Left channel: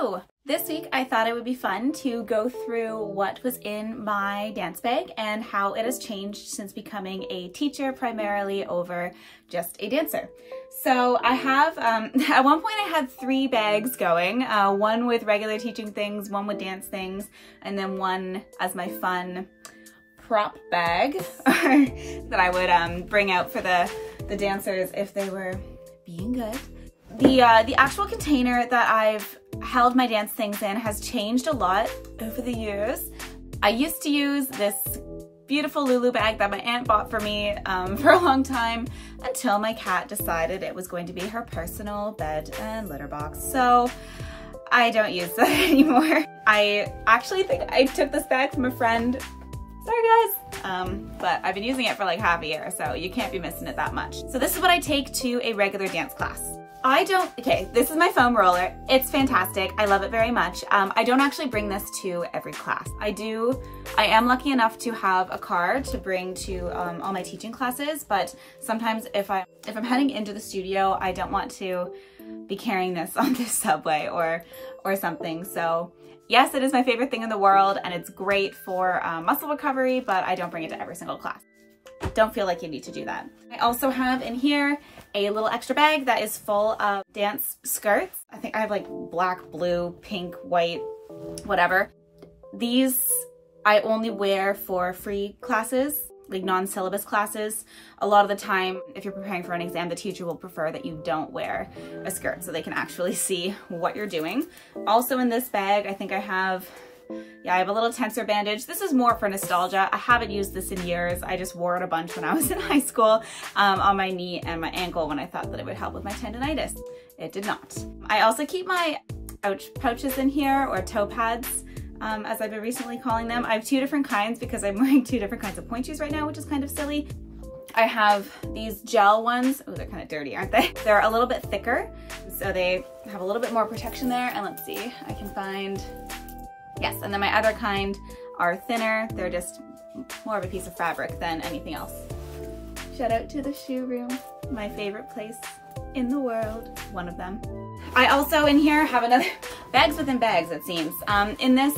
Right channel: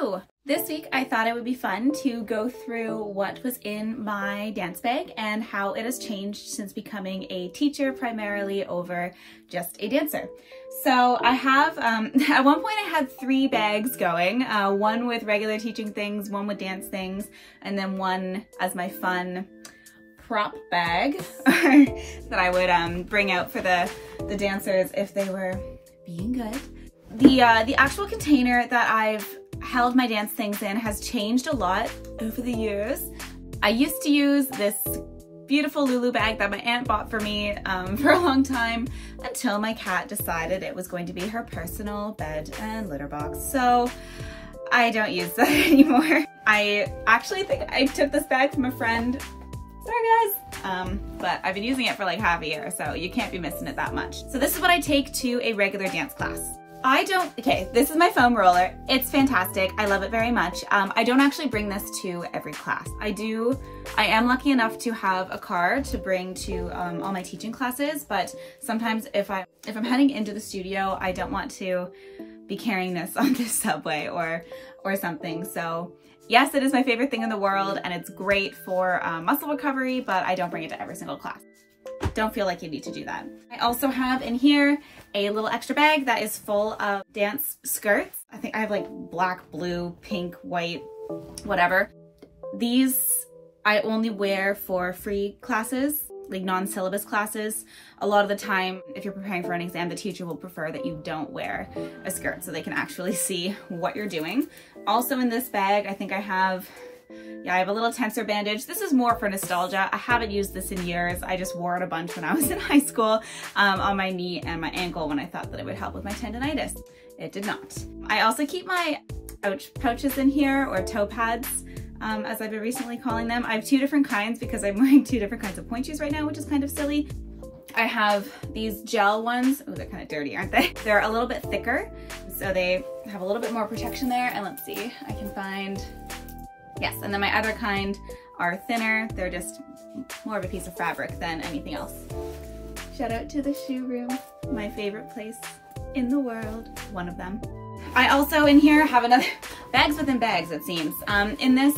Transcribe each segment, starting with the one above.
Hello! This week I thought it would be fun to go through what was in my dance bag and how it has changed since becoming a teacher primarily over just a dancer. So I have, at one point I had 3 bags going, one with regular teaching things, one with dance things, and then one as my fun prop bag that I would bring out for the dancers if they were being good. The actual container that I've held my dance things in has changed a lot over the years. I used to use this beautiful Lulu bag that my aunt bought for me for a long time until my cat decided it was going to be her personal bed and litter box. So I don't use that anymore. I actually think I took this bag from a friend. Sorry guys. But I've been using it for like half a year, so you can't be missing it that much. So this is what I take to a regular dance class. Okay, this is my foam roller. It's fantastic. I love it very much. I don't actually bring this to every class. I am lucky enough to have a car to bring to all my teaching classes, but sometimes if I'm heading into the studio, I don't want to be carrying this on the subway or something. So yes, it is my favorite thing in the world and it's great for muscle recovery, but I don't bring it to every single class. Don't feel like you need to do that. I also have in here a little extra bag that is full of dance skirts. I think I have like black, blue, pink, white, whatever. These I only wear for free classes, like non-syllabus classes. A lot of the time, if you're preparing for an exam, the teacher will prefer that you don't wear a skirt so they can actually see what you're doing. Also in this bag, I think I have a little tensor bandage. This is more for nostalgia. I haven't used this in years. I just wore it a bunch when I was in high school on my knee and my ankle when I thought that it would help with my tendonitis. It did not. I also keep my ouch pouches in here, or toe pads, as I've been recently calling them. I have 2 different kinds because I'm wearing 2 different kinds of point shoes right now, which is kind of silly. I have these gel ones. Oh, they're kind of dirty, aren't they? They're a little bit thicker, so they have a little bit more protection there. And let's see, I can find, yes, and then my other kind are thinner. They're just more of a piece of fabric than anything else. Shout out to the shoe room, my favorite place in the world, one of them. I also in here have another, bags within bags it seems. In this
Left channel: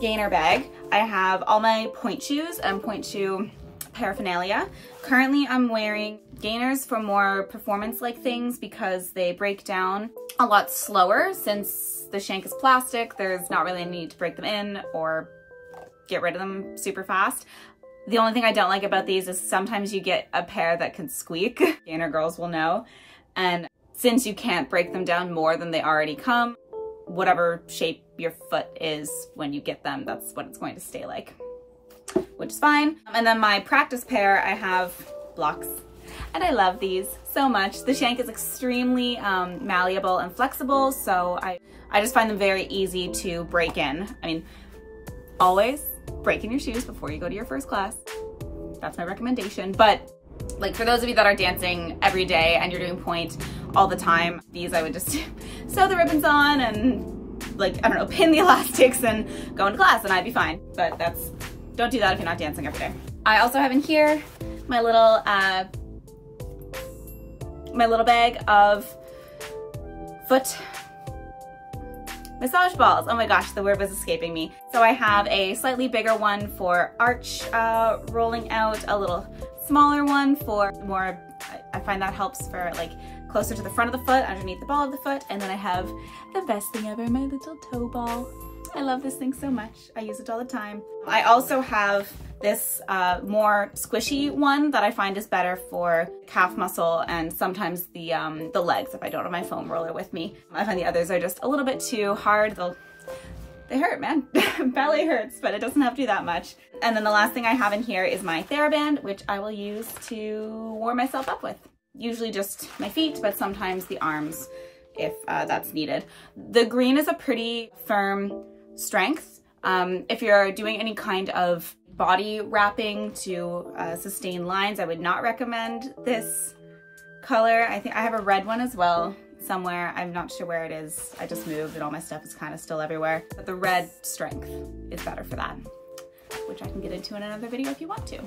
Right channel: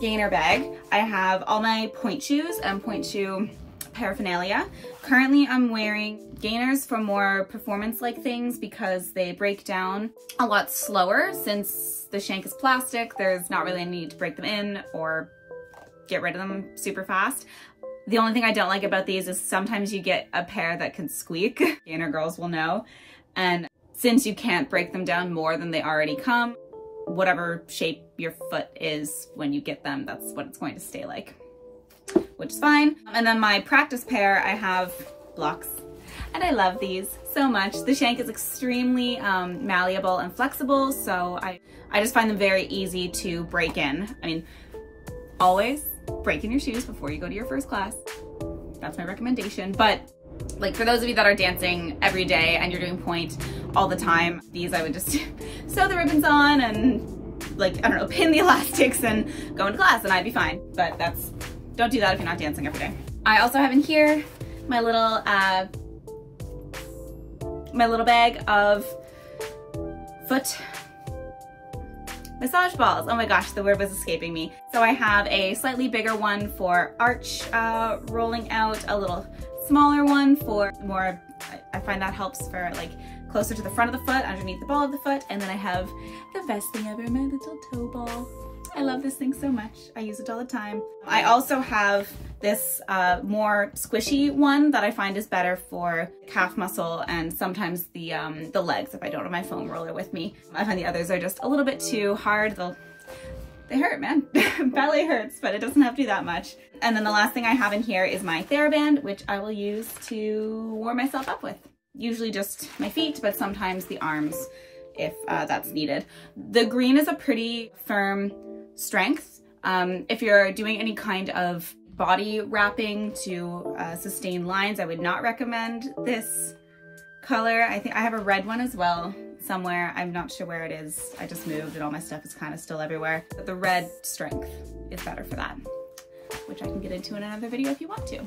gainer bag, I have all my point shoes and point shoe paraphernalia. Currently I'm wearing gainers for more performance-like things because they break down a lot slower. Since the shank is plastic, there's not really a need to break them in or get rid of them super fast. The only thing I don't like about these is sometimes you get a pair that can squeak. Gainer girls will know. And since you can't break them down more than they already come, whatever shape your foot is when you get them, that's what it's going to stay like, which is fine. And then my practice pair, I have blocks. And I love these so much. The shank is extremely malleable and flexible, so I just find them very easy to break in. I mean, always break in your shoes before you go to your first class. That's my recommendation. But like for those of you that are dancing every day and you're doing point all the time, these I would just sew the ribbons on and like, I don't know, pin the elastics and go into class and I'd be fine. But don't do that if you're not dancing every day. I also have in here my little bag of foot massage balls. Oh my gosh, the word was escaping me. So I have a slightly bigger one for arch rolling out, a little smaller one for more, I find that helps for like closer to the front of the foot, underneath the ball of the foot. And then I have the best thing ever, my little toe ball. I love this thing so much. I use it all the time. I also have this more squishy one that I find is better for calf muscle and sometimes the legs if I don't have my foam roller with me. I find the others are just a little bit too hard. They hurt, man. Ballet hurts, but it doesn't have to do that much. And then the last thing I have in here is my TheraBand, which I will use to warm myself up with. Usually just my feet, but sometimes the arms if that's needed. The green is a pretty firm strength. If you're doing any kind of body wrapping to sustain lines, I would not recommend this color. I think I have a red one as well somewhere. I'm not sure where it is. I just moved and all my stuff is kind of still everywhere. But the red strength is better for that, which I can get into in another video if you want to.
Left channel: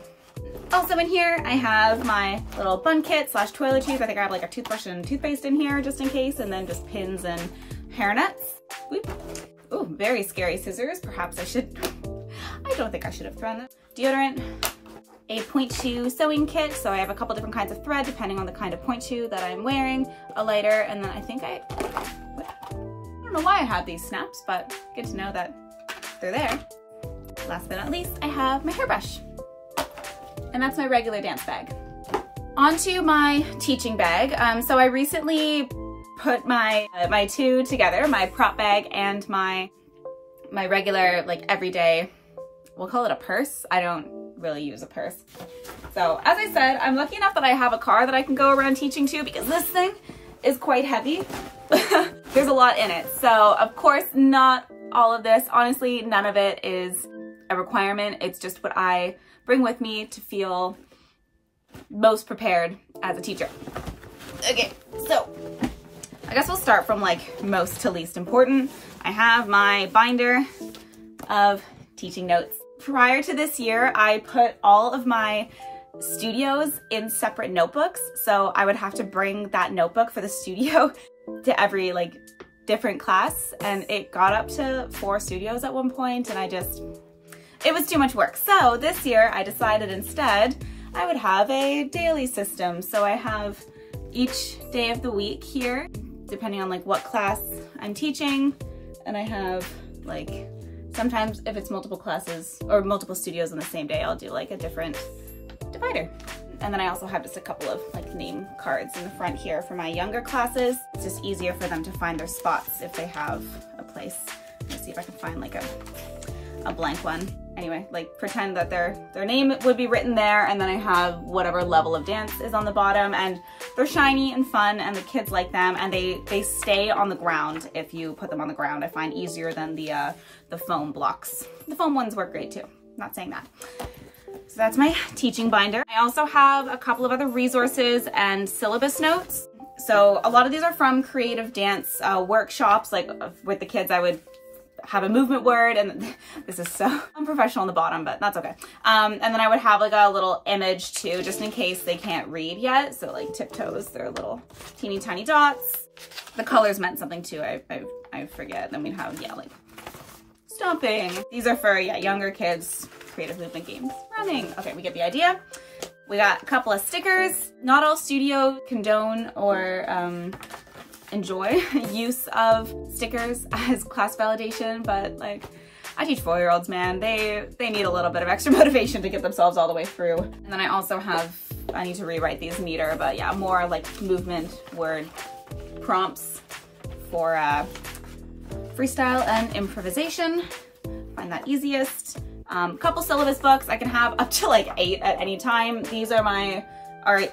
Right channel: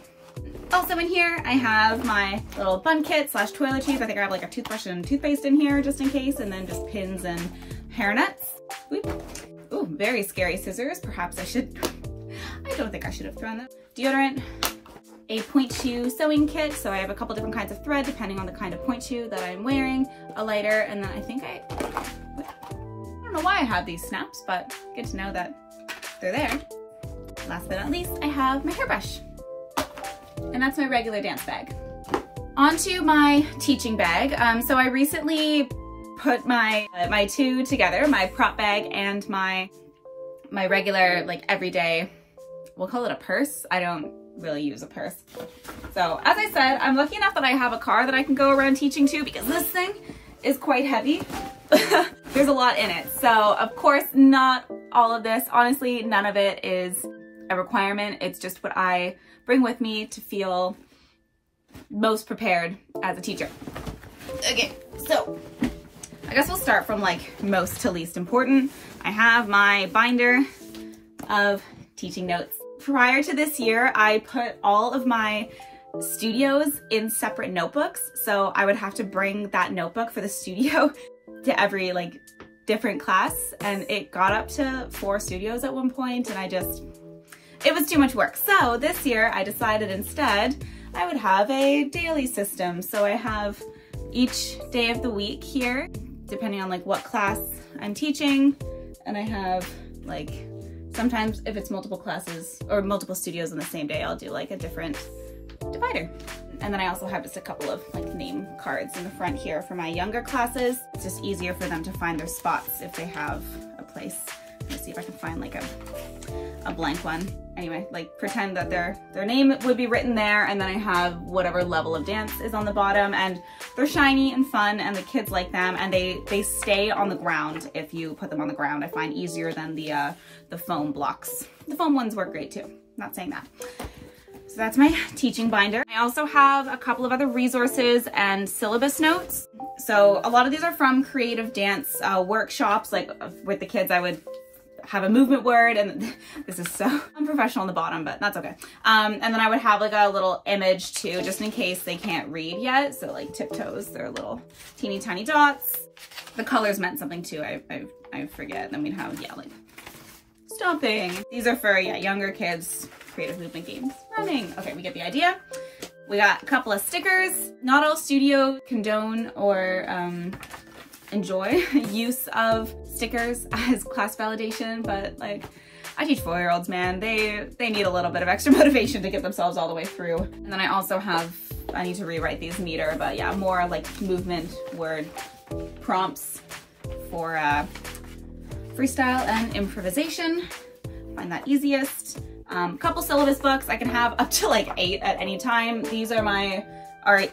Also in here, I have my little bun kit / toiletries. I think I have like a toothbrush and toothpaste in here just in case, and then just pins and hairnets. Whoop. very scary scissors. Perhaps I don't think I should have thrown them. Deodorant, a point shoe sewing kit. So I have a couple different kinds of thread depending on the kind of point shoe that I'm wearing, a lighter, and then I don't know why I have these snaps, but good to know that they're there. Last but not least, I have my hairbrush. And that's my regular dance bag. Onto my teaching bag. So I recently put my two together, my prop bag and my regular, like, everyday, we'll call it a purse. I don't really use a purse. So as I said, I'm lucky enough that I have a car that I can go around teaching to, because this thing is quite heavy. There's a lot in it. So of course, not all of this, honestly, none of it is a requirement. It's just what I bring with me to feel most prepared as a teacher. Okay, so I guess we'll start from like most to least important. I have my binder of teaching notes. Prior to this year, I put all of my studios in separate notebooks. So I would have to bring that notebook for the studio to every like different class. And it got up to 4 studios at one point, and it was too much work. So this year I decided instead I would have a daily system. So I have each day of the week here, depending on like what class I'm teaching. And I have like, sometimes if it's multiple classes or multiple studios on the same day, I'll do like a different divider. And then I also have just a couple of like name cards in the front here for my younger classes. It's just easier for them to find their spots if they have a place. Let's see if I can find like a blank one. Anyway, like pretend that their name would be written there, and then I have whatever level of dance is on the bottom, and they're shiny and fun and the kids like them, and they stay on the ground if you put them on the ground. I find easier than the foam blocks. The foam ones work great too, not saying that. So that's my teaching binder. I also have a couple of other resources and syllabus notes. So a lot of these are from creative dance workshops, like with the kids I would have a movement word, and this is so unprofessional on the bottom, but that's okay. And then I would have like a little image too, just in case they can't read yet. So like tiptoes, they're little teeny tiny dots. The colors meant something too, I forget. Then we'd have, yeah, like stomping. These are for, yeah, younger kids, creative movement games, running. Okay, we get the idea. We got a couple of stickers. Not all studio condone or enjoy use of stickers as class validation, but like I teach 4-year-olds, man. They need a little bit of extra motivation to get themselves all the way through. And then I also have, I need to rewrite these meter, but yeah, more like movement word prompts for freestyle and improvisation. Find that easiest. Couple syllabus books. I can have up to like 8 at any time. These are my,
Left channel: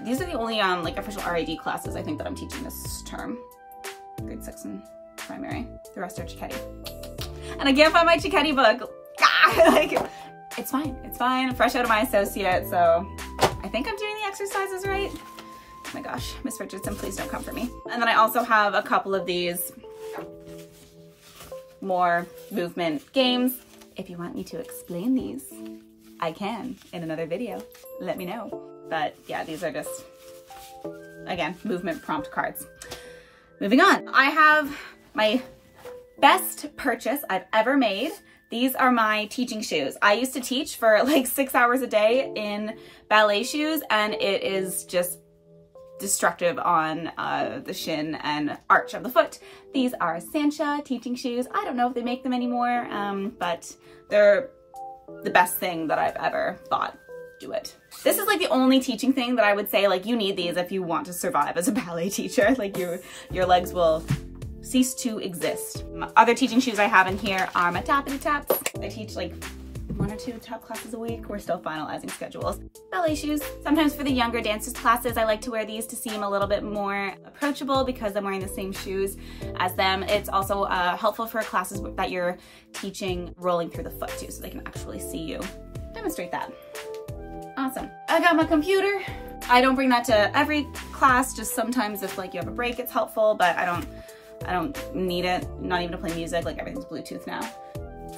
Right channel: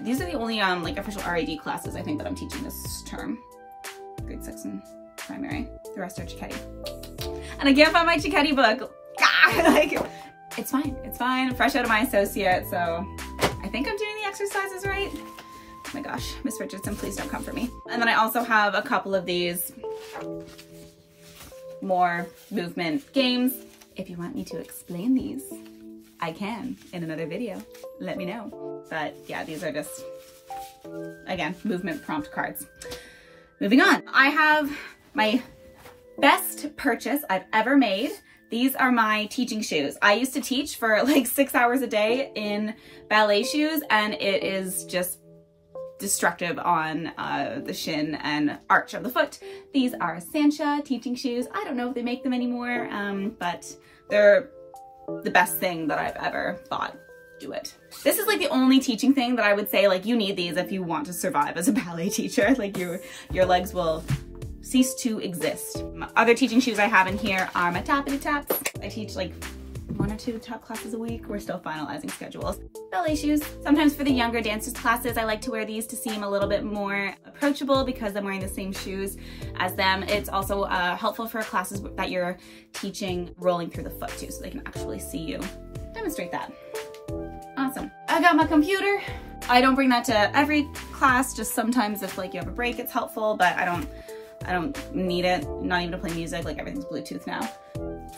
these are the only like official RAD classes I think that I'm teaching this term. Grade 6 and primary. The rest are Chiquetti. And I can't find my Chiquetti book. Like, it's fine. It's fine. Fresh out of my associate, so I think I'm doing the exercises right. Oh my gosh, Miss Richardson, please don't come for me. And then I also have a couple of these more movement games. If you want me to explain these, I can in another video. Let me know. But yeah, these are just, again, movement prompt cards. Moving on, I have my best purchase I've ever made. These are my teaching shoes. I used to teach for like 6 hours a day in ballet shoes, and it is just destructive on the shin and arch of the foot. These are Sancha teaching shoes. I don't know if they make them anymore, but they're the best thing that I've ever bought. Do it. This is like the only teaching thing that I would say, like, you need these if you want to survive as a ballet teacher. Like your legs will cease to exist. Other teaching shoes I have in here are my Tappity Taps. I teach like 1 or 2 tap classes a week. We're still finalizing schedules. Ballet shoes. Sometimes for the younger dancers classes, I like to wear these to seem a little bit more approachable because I'm wearing the same shoes as them. It's also helpful for classes that you're teaching rolling through the foot too, so they can actually see you demonstrate that. Awesome. I got my computer. I don't bring that to every class, just sometimes if like you have a break, it's helpful, but I don't need it, not even to play music, like everything's Bluetooth now.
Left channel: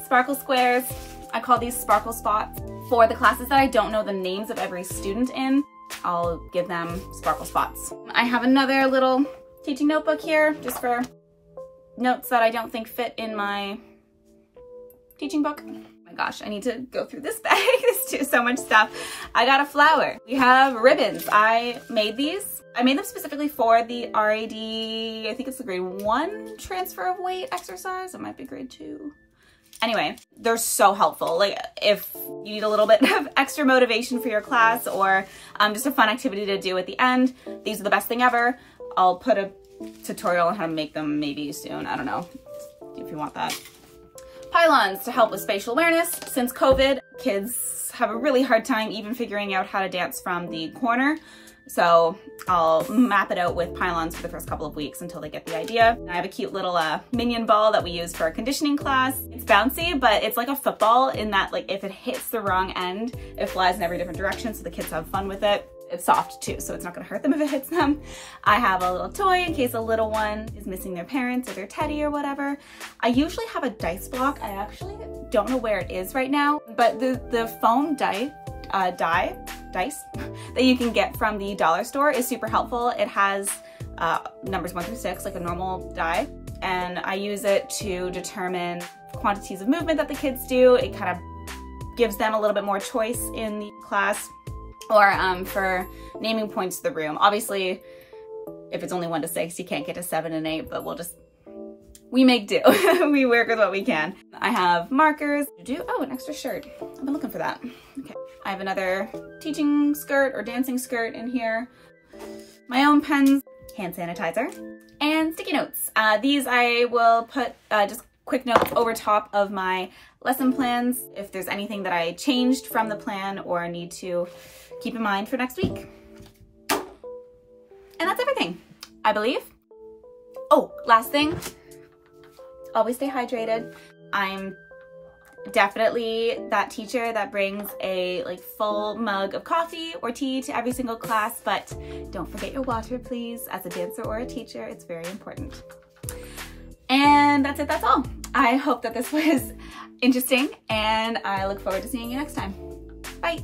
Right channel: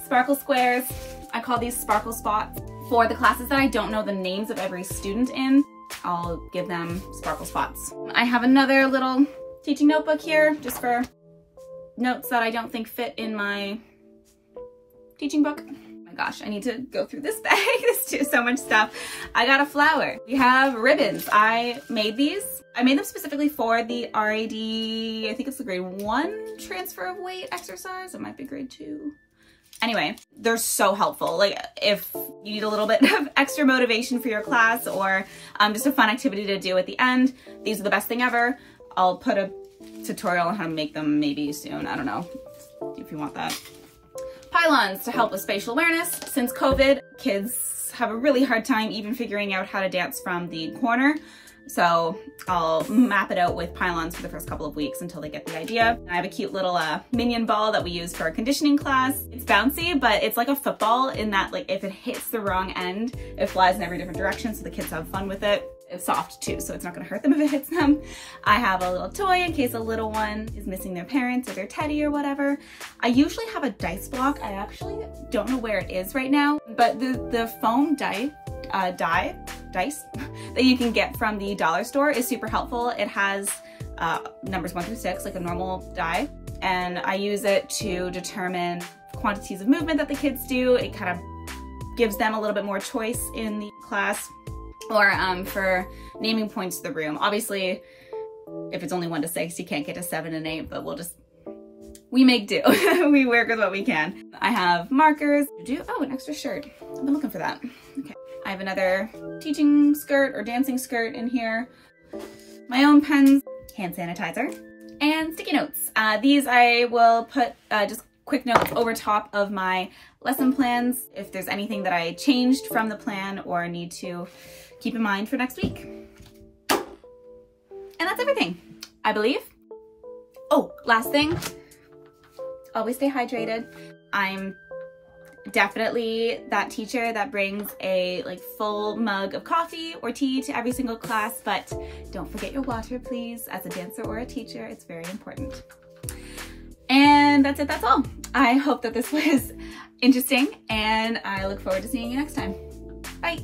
Sparkle squares. I call these sparkle spots. For the classes that I don't know the names of every student in, I'll give them sparkle spots. I have another little teaching notebook here, just for notes that I don't think fit in my teaching book. Oh my gosh, I need to go through this bag. There's so much stuff. I got a flower. We have ribbons. I made these. I made them specifically for the RAD, I think it's the grade 1 transfer of weight exercise. It might be grade 2. Anyway, they're so helpful. Like if you need a little bit of extra motivation for your class or just a fun activity to do at the end, these are the best thing ever. I'll put a tutorial on how to make them maybe soon. I don't know if you want that. Pylons to help with spatial awareness. Since COVID, kids have a really hard time even figuring out how to dance from the corner. So I'll map it out with pylons for the first couple of weeks until they get the idea. I have a cute little minion ball that we use for our conditioning class. It's bouncy, but it's like a football in that like if it hits the wrong end, it flies in every different direction so the kids have fun with it. It's soft too, so it's not gonna hurt them if it hits them. I have a little toy in case a little one is missing their parents or their teddy or whatever. I usually have a dice block. I actually don't know where it is right now, but the foam dice that you can get from the dollar store is super helpful. It has numbers 1 through 6, like a normal die, and I use it to determine quantities of movement that the kids do. It kind of gives them a little bit more choice in the class, or for naming points to the room. Obviously, if it's only 1 to 6, you can't get to 7 and 8, but we make do. We work with what we can. I have markers. Oh, an extra shirt. I've been looking for that. Okay. I have another teaching skirt or dancing skirt in here. My own pens, hand sanitizer, and sticky notes. These I will put just quick notes over top of my lesson plans if there's anything that I changed from the plan or need to keep in mind for next week. And that's everything, I believe. Oh, last thing, always stay hydrated. I'm definitely that teacher that brings a full mug of coffee or tea to every single class, but don't forget your water, please. As a dancer or a teacher, it's very important. And that's it, that's all. I hope that this was interesting, and I look forward to seeing you next time. Bye.